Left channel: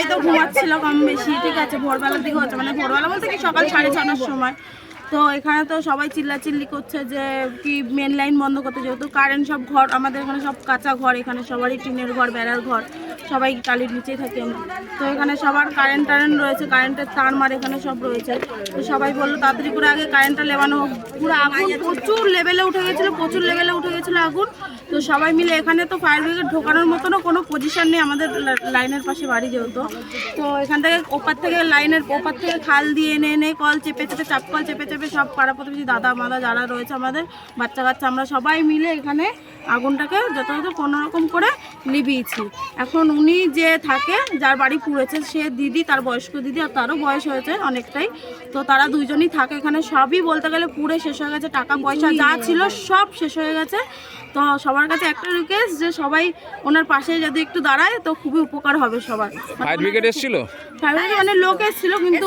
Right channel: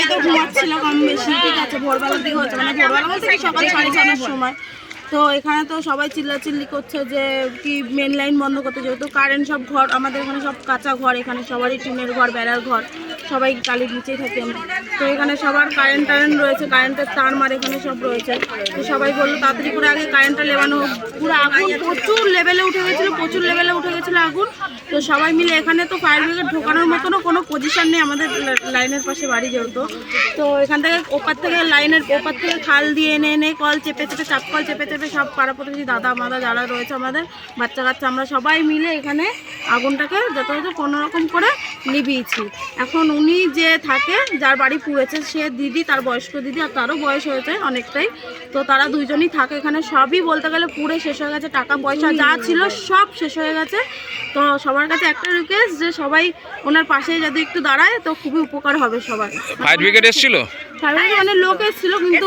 সবাই তো ঘুমাচ্ছিল কম বেশি ঠিক আছে, ভোরবেলার দিকে হচ্ছে। মানে ভোরবেলা বলতে কি সকাল সাড়ে ছটার সময়। তো এখানে তো সবাই চিল্লাচিল্লি করছে যে কি মেন লাইন বন্ধ করতে যেহেতু কারেন্ট সব ঘর, আমাদের এখানে সব কাঁচা ঘর, এখানে সবারই টিনের ঘর, বেড়ার ঘর, সবাই কালির নিচেই থাকি তো এখানে সবার কারেন্ট টারেন্ট রয়েছে কারেন্টের তার মার এখানে সব রয়েছে। তো সবাই বলল তাড়াতাড়ি করে আগে কারেন্টটা লেবানো হোক। পুরো আগুন প্রচুর লেভেলে উঠে গেছিল, প্রচুর লেভেলে উঠে গেছিল আগুন। তো সবাই মিলে এখানে তো ফায়ার ব্রিগেড ঢোকানোর মতনও কোনো পজিশন নেই আমাদের লাইনের পাশে বাড়ি যেহেতু। তো এখান থেকে ওপার থেকে লাইনের ওপার থেকে খাল দিয়ে এনে এনে কল চেপে চেপে চাপ কল চেপে চেপে সব পাড়া প্রতিবেশী দাদা মাদা যারা রয়েছে আমাদের, বাচ্চা কাচ্চা, আমরা সবাই মিলে এখানে আগুনটাকে যথাযথ কোনো রকম করে নিভিয়েছি। এখন উনি যে থাকে, যার বাড়ি পুড়েছে, সে দিদি, তার বয়স্ক দিদি আর তারও বয়স হয়েছে অনেকটাই। তো তারা দুইজনই থাকে এখানে, সবই বলতে গেলে পুড়ে শেষ হয়ে গেছে, টাকা পয়সা যা ছিল সব শেষ হয়ে গেছে। তো সবার কাছে একটা রিকোয়েস্ট যে সবাই ওনার পাশে যদি একটু দাঁড়ায়, তো খুবই উপকার হবে সবার। ফায়ার ব্রিগেড এসেছিল? ফায়ার ব্রিগেড মানে লোক এসেছিল কিন্তু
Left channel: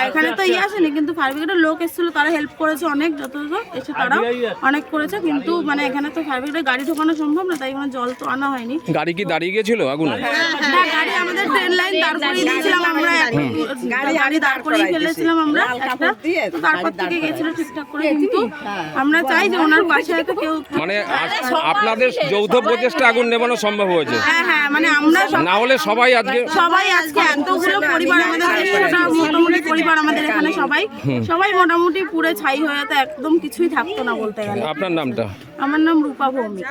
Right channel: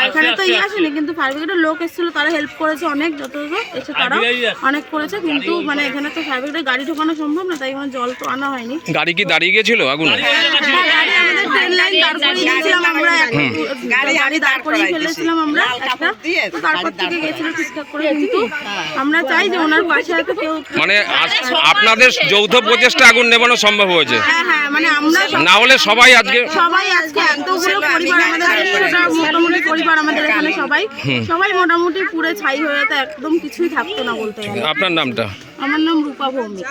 এখানে তো ইয়ে আসেনি কিন্তু ফায়ার ব্রিগেডের লোক এসেছিল তারা হেল্প করেছে অনেক যত এসে তারা অনেক করেছে কিন্তু মানে এখানে তো ফায়ার ব্রিগেডের গাড়ি ঢোকানো সম্ভব না তাই জল তো আনা হয়নি। গাড়ি কি দাঁড়িয়ে গেছিল আগুন? হ্যাঁ, ট্রেন লাইন দাঁড় করিয়ে দিয়েছিলাম আমরা গাড়ি দাঁড় করিয়ে ফেলেছিলাম আমরা একটা। তারপর থেকে গেছিল ঠিকঠাক করে কিন্তু আমরা চাই যে ওনার পাশে হয়তো কেউ মানে আপনাদের যৌথ প্রচেষ্টা আগুন নেবানো সম্ভব হয়েছে। হ্যাঁ হ্যাঁ মানে আমরা না হলে সবাই আজকে সবাই আজকে এতগুলো পরিবার আমাদের মোটামুটি পরিবার আমাদের এখানে সবাই। সবাই মোটামুটি পুরো ছাই হয়ে তো একদম কিছুই থাকতো না বলতে গেলে। আপনার নামটা? আমার নাম রূপা ভৌমিক।